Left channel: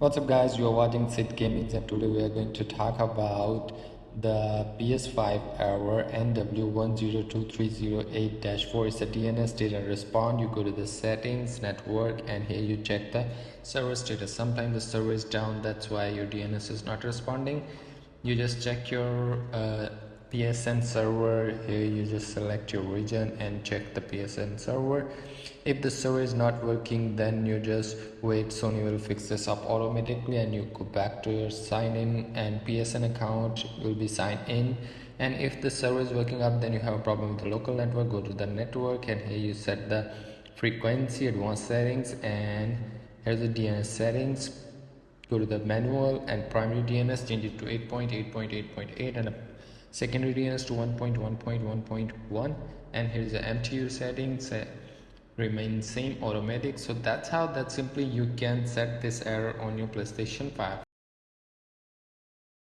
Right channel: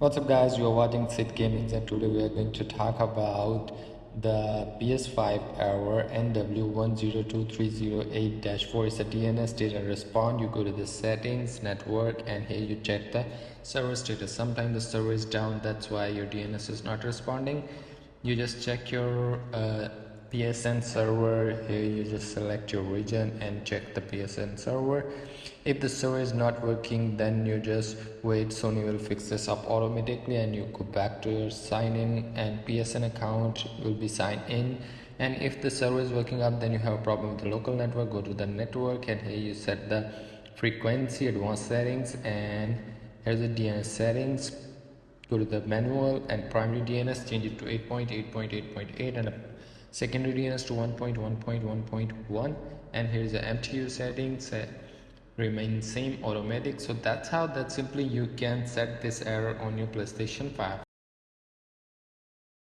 What's up guys, you're watching Sid Gaming and today we are going to talk about the PS5 error NW-102308-4 is a DNS didn't respond. You go to the settings, network, and here you check the server status. Sometimes the server is down, that's why your DNS is not responding. You just check your PSN server. Here you just select your region and check the PSN server. If the server is not working, then you just wait. Sony will fix this up automatically and you go back to your sign in and PSN account will be signed in. And if the server is working up, then you have a problem with the local network, go to the network and here you set the frequency, advanced settings, and here's the DNS settings. Go to the manual and primary DNS, change it to 8.8.8.8 and a secondary DNS to 1.1.1.1, and here is the MTU settings, remain same automatic. So that's how that simply you can set this error on your PlayStation 5.